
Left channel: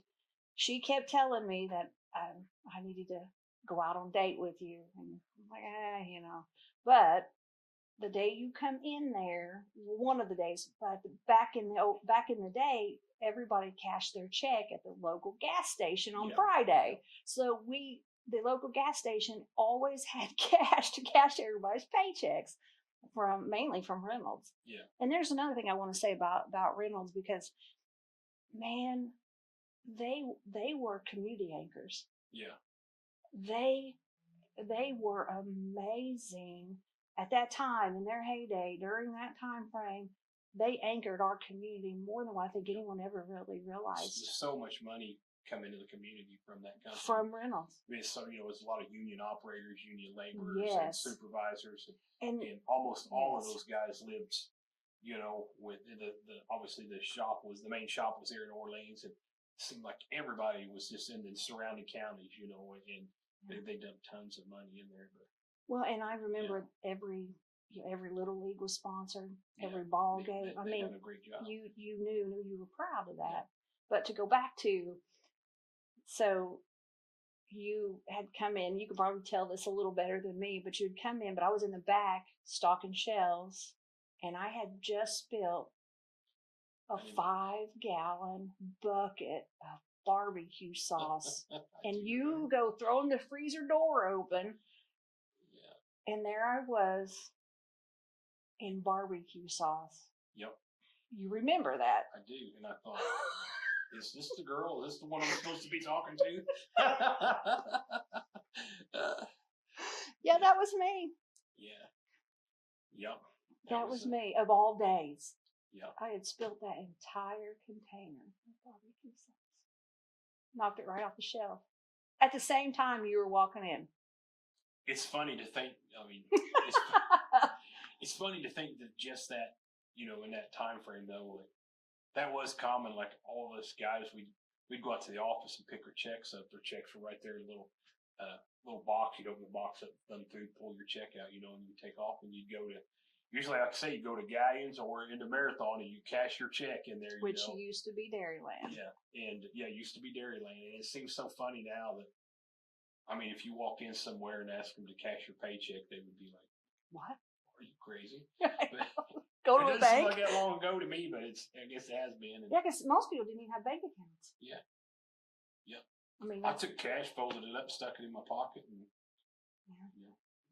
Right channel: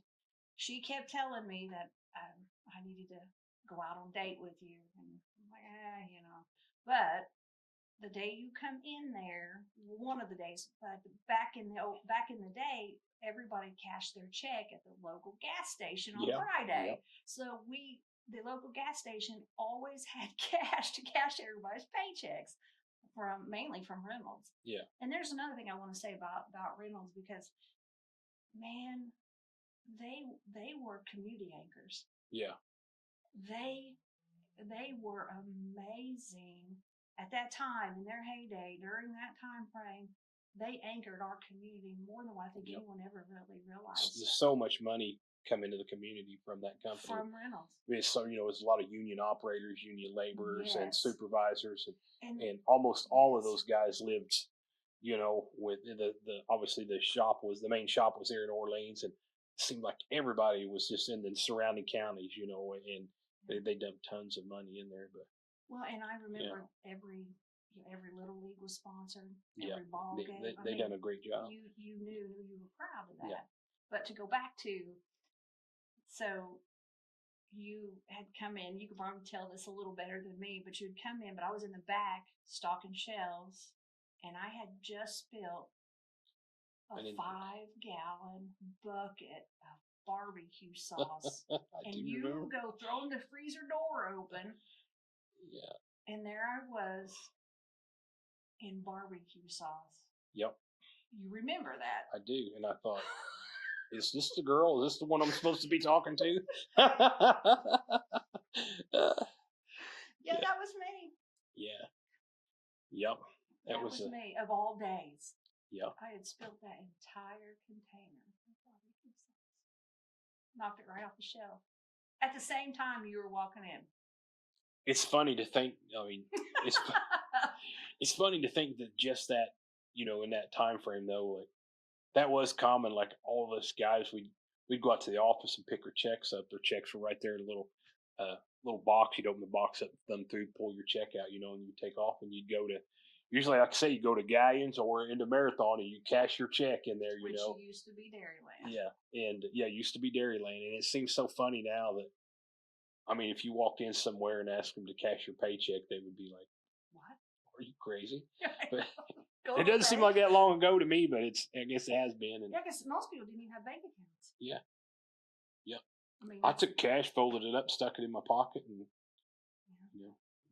she kept telling me that I needed to go out on date with you. And I'm like, But the day you come in there, one of the days, but back in the day, everybody cashed their check at the local gas station on Friday. Yeah. So the local gas station always had cash to cash everybody's paychecks mainly from Reynolds. Yeah. And there's another thing I want to say about Reynolds, because man, they were community anchors. Yeah. They were amazing at that time, in their heyday, during that time frame. They anchored our community more than what I think anyone ever really realized. There's so much money come into the community from that company. From Reynolds. I mean, it's a lot of union operators, union laborers, and supervisors, and almost all of those guys lived, with the obviously the main shop was here in Orleans, and it seemed like everybody was just in the surrounding counties, and they dumped tons of money in there. But well, and I remember every Little League was sponsored, every ball game. They done a great job. You knew you were proud of that. But to go back to, so you had come in, you could probably tell this a little better than me, but you'd come in, but I was in the back stocking shelves, and I had just spilled a 5-gallon bucket of barbecue sauce. And you go throwing the freezer door open. Yeah. And there I was in barbecue sauce. Yep. You remember that? I do. And I thought, is this the girl? Is this the one I'm supposed to be talking to? Yeah, that was me. Yeah. Yep. That was me, of all days. Yep. I had spilled that entire container of barbecue sauce. Knocked it right off the shelf. At the same time you were walking in. It's funny to think, it's funny to think that just that, in that time frame though, like that was common. Like all of us guys, we'd go out to the office and pick our checks up. Their checks were right there in a little box. You'd open the box up, thumb through, pull your check out, and you take off, and you'd go to, usually, like I say, you go to Galleons or into Marathon, and you cash your check in there. Which used to be Dairyland. Yeah, and it used to be Dairyland, and it seems so funny now that, I mean, if you walked in somewhere and asked them to cash your paycheck, they would be like, "What? Are you crazy?" But it doesn't seem like that long ago to me, but I guess it has been. And, because most people didn't even have bank accounts. Yeah. Yep. I mean, I took cash, folded it up, stuck it in my pocket, and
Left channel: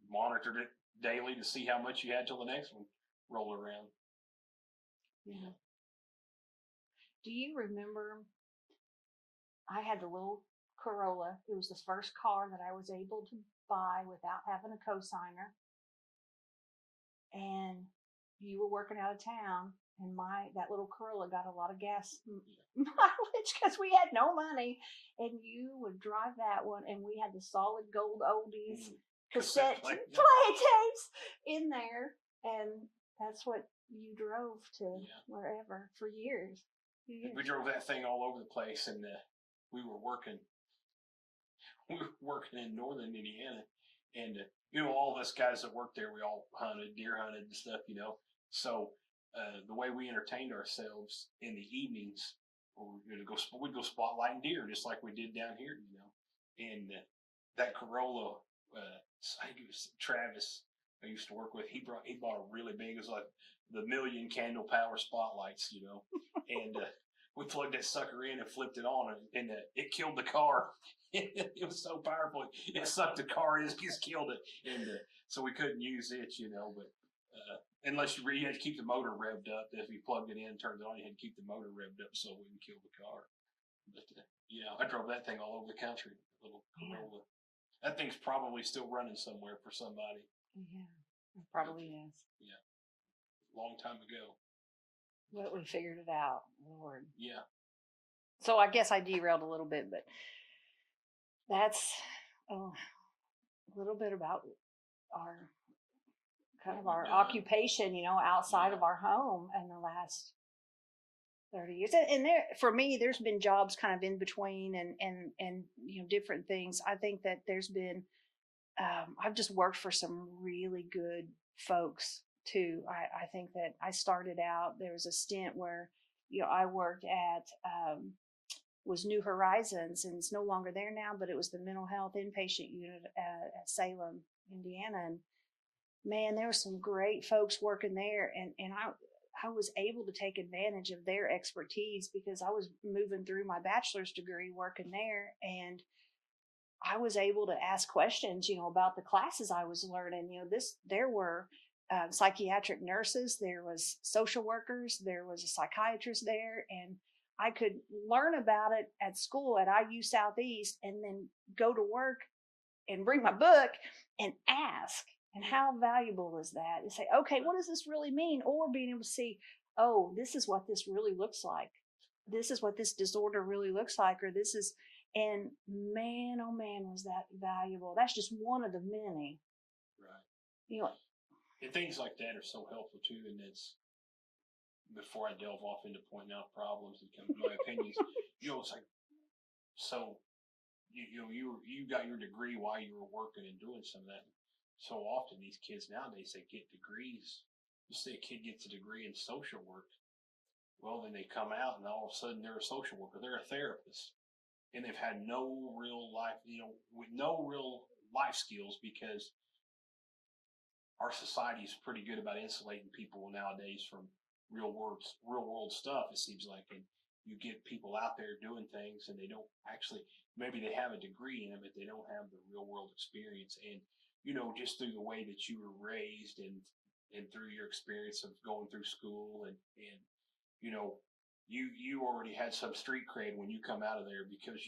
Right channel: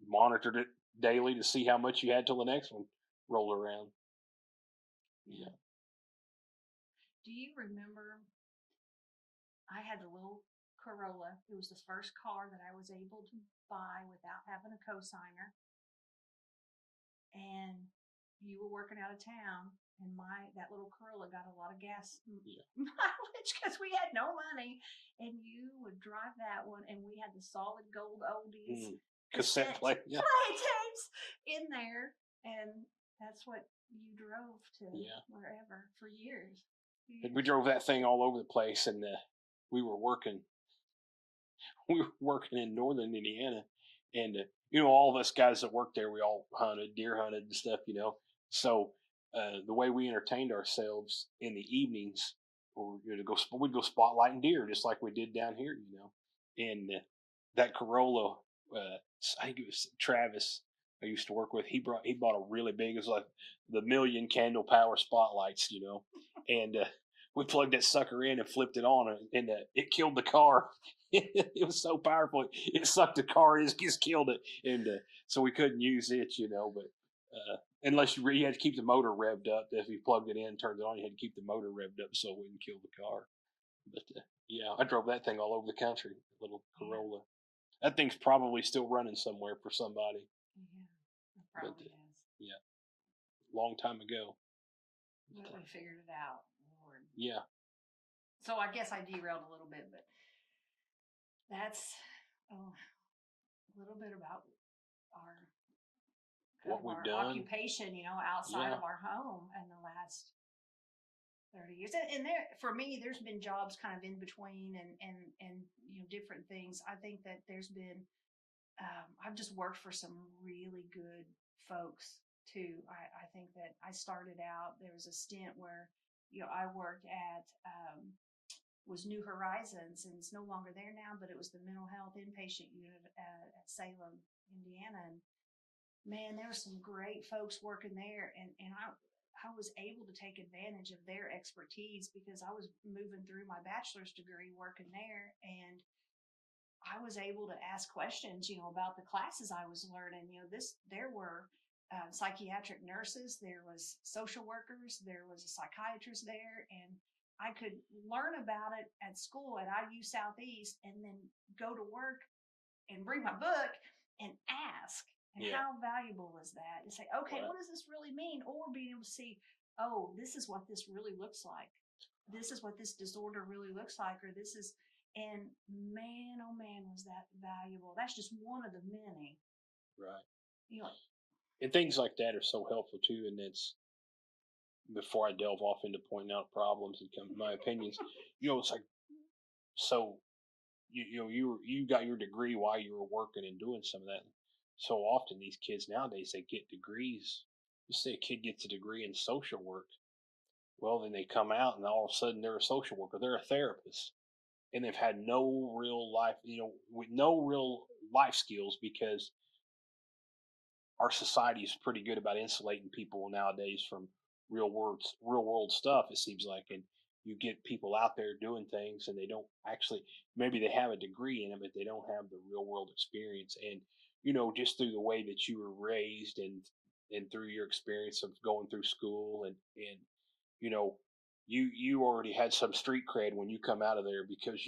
monitored it daily to see how much you had till the next one rolled around. Yeah. Do you remember? I had the little Corolla. It was the first car that I was able to buy without having a cosigner. And you were working out of town, and that little Corolla got a lot of gas mileage because we had no money. And you would drive that one, and we had the solid gold oldies cassette play tapes in there, and that's what you drove to wherever for years. We drove that thing all over the place, and we were working in northern Indiana, and all of us guys that worked there, we all deer hunted and stuff, So the way we entertained ourselves in the evenings, we'd go spotlighting deer just like we did down here, And that Corolla, I think it was Travis I used to work with. He bought a really big, it was like the 1,000,000 candle power spotlights, and we plugged that sucker in and flipped it on, and it killed the car. It was so powerful. It sucked the car. It just killed it, and so we couldn't use it, But unless you had to keep the motor revved up. If you plugged it in and turned it on, you had to keep the motor revved up so it wouldn't kill the car. But I drove that thing all over the country. Little Corolla. That thing's probably still running somewhere for somebody. Yeah, it probably is. Yeah, long time ago. But we figured it out, Lord. Yeah. So I guess I derailed a little bit, but that's a little bit about our occupation, outside of our home in the last 30 years. And there, for me, there's been jobs kind of in between and different things. I think that there's been, I've just worked for some really good folks too. I think that I started out, there was a stint where, I worked at, was New Horizons, and it's no longer there now, but it was the mental health inpatient unit at Salem, Indiana. And man, there were some great folks working there. And I was able to take advantage of their expertise because I was moving through my bachelor's degree working there, and I was able to ask questions, about the classes I was learning. There were psychiatric nurses, there was social workers, there was a psychiatrist there, and I could learn about it at school at IU Southeast and then go to work and bring my book and ask. And how valuable is that? To say, okay, what does this really mean? Or being able to see, oh, this is what this really looks like. This is what this disorder really looks like, or this is, and man, oh man, was that valuable. That's just one of the many. Right. And things like that are so helpful too. And it's, before I delve off into pointing out problems and come my opinions, it's like, so you got your degree while you were working and doing some of that. So often these kids nowadays, they get degrees. You say a kid gets a degree in social work. Well, then they come out and all of a sudden they're a social worker. They're a therapist. And they've had no real life, with no real life skills, because our society is pretty good about insulating people nowadays from real world stuff, it seems like. And you get people out there doing things and they don't actually, maybe they have a degree in it, but they don't have the real world experience. And just through the way that you were raised and through your experience of going through school and you already had some street cred when you come out of there, because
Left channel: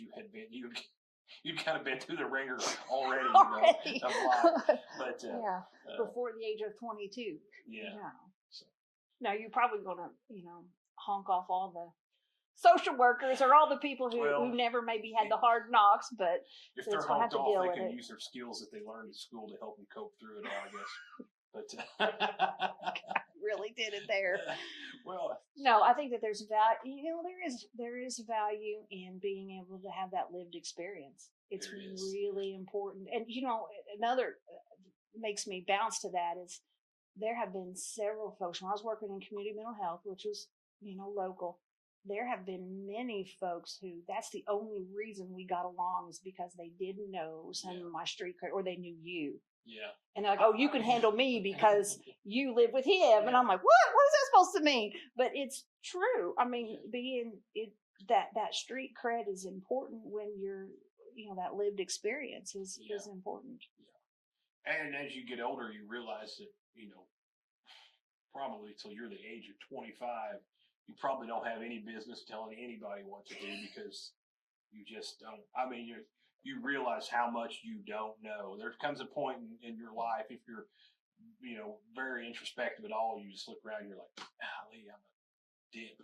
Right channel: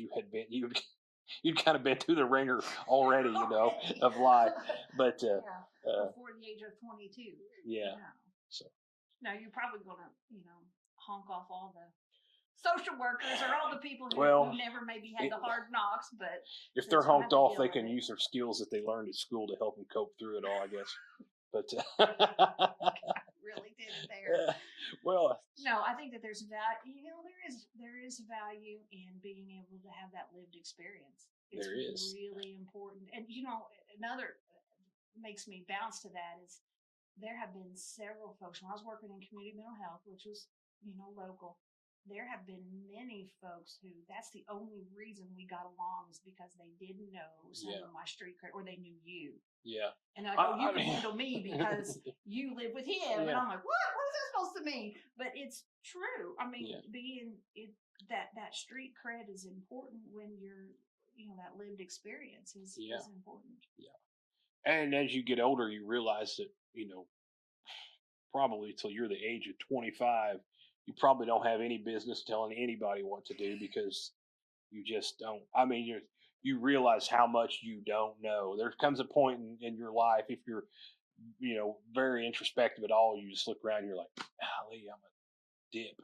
you'd kind of been through the ringer already, of life. But before the age of 22. Yeah. So now you're probably gonna honk off all the social workers or all the people who never maybe had the hard knocks, but if they're honked off, they can use their skills that they learned at school to help them cope through it all, I guess. But really did it there. Well, no, I think that there's value. There is value in being able to have that lived experience. It's really important. And another makes me bounce to that is there have been several folks when I was working in community mental health, which was local. There have been many folks who that's the only reason we got along is because they didn't know some of my street cred, or they knew you. Yeah. And they're like, oh, you can handle me because you live with him. Yeah. And I'm like, what? What is that supposed to mean? But it's true. I mean, that street cred is important when you're, that lived experience is important. Yeah. And as you get older, you realize that, probably till you're the age of 25, you probably don't have any business telling anybody what to do, because you just don't. I mean, you realize how much you don't know. There comes a point in your life, if you're, very introspective at all, you just look around and you're like, golly, I'm a dip.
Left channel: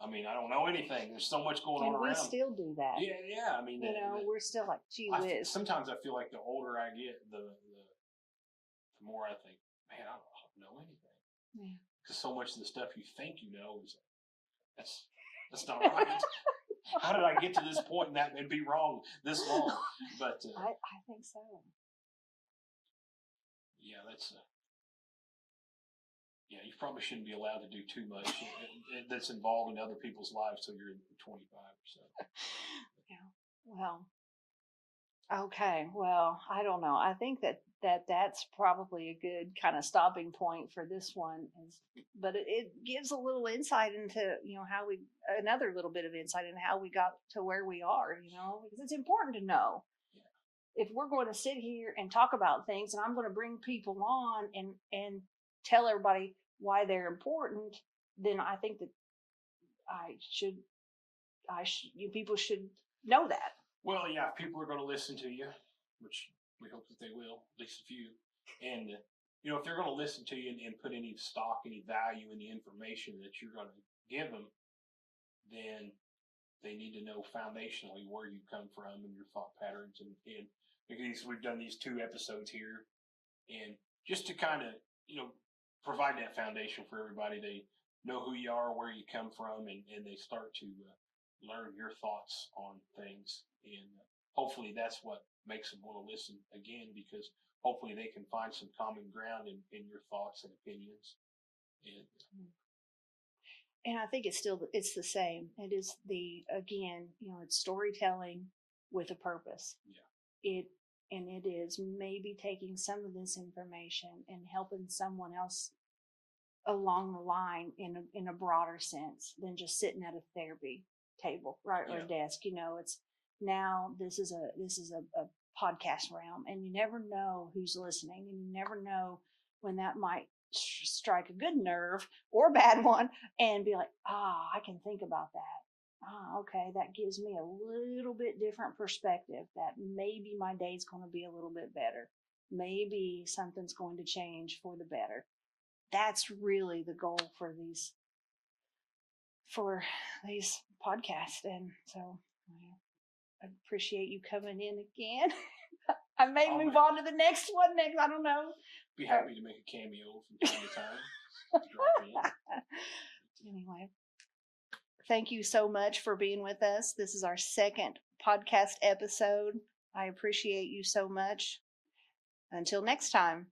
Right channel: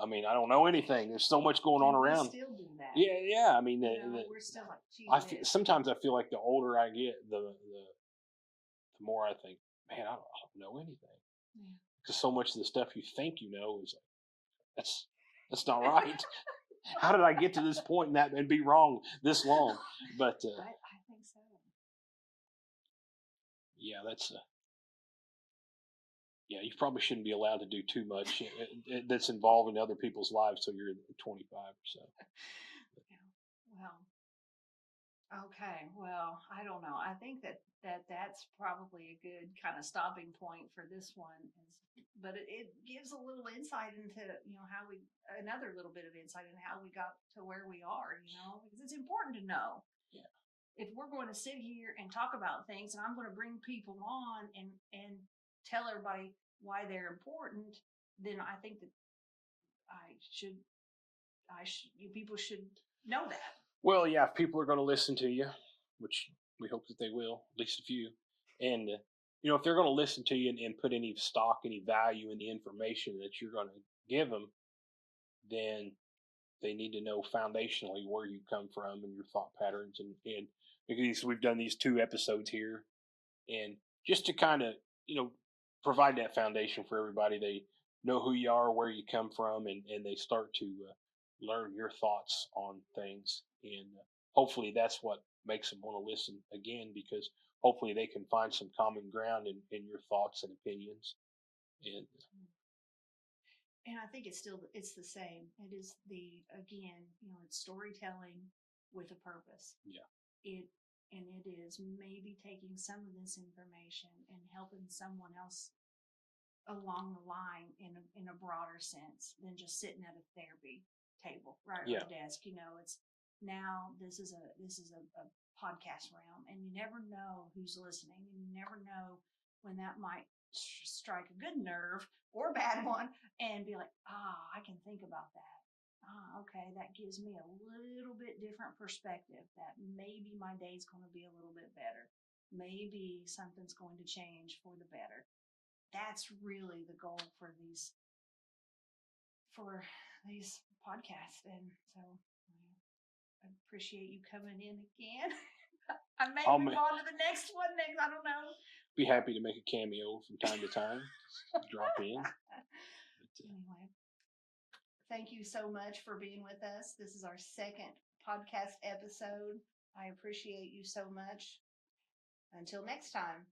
I mean, I don't know anything. There's so much going on around. We still do that. Yeah. I mean, we're still like, gee whiz. Sometimes I feel like the older I get, the more I think, man, I don't know anything. Yeah. Because so much of the stuff you think you know is that's not right. How did I get to this point and be wrong this long? But I think so. Yeah, you probably shouldn't be allowed to do too much that's involving other people's lives till you're 25 or so. Yeah. Well. Okay. Well, I don't know. I think that's probably a good kind of stopping point for this one. But it gives a little insight into, another little bit of insight into how we got to where we are, because it's important to know. Yeah. If we're going to sit here and talk about things, and I'm going to bring people on and tell everybody why they're important, then I think that people should know that. Well, yeah, if people are going to listen to you, which we hope that they will, at least a few, and if they're going to listen to you and put any stock, any value in the information that you're going to give them, then they need to know foundationally where you come from and your thought patterns. And because we've done these 2 episodes here, and just to kind of, provide that foundation for everybody, know who you are, where you come from, and they start to learn your thoughts on things. And hopefully that's what makes them want to listen again, because hopefully they can find some common ground in your thoughts and opinions. And I think it's the same. It is again, it's storytelling with a purpose. Yeah. It is maybe taking some of this information and helping someone else along the line in a broader sense than just sitting at a therapy table, right, or a desk. It's now this is a podcast realm, and you never know who's listening, and you never know when that might strike a good nerve or a bad one, and be like, I can think about that. Okay, that gives me a little bit different perspective, that maybe my day's going to be a little bit better. Maybe something's going to change for the better. That's really the goal for these podcasts. And so I appreciate you coming in again. I may move on to the next one next. I don't know. Be happy to make a cameo from time to time. Drop in. Anyway, thank you so much for being with us. This is our second podcast episode. I appreciate you so much. Until next time.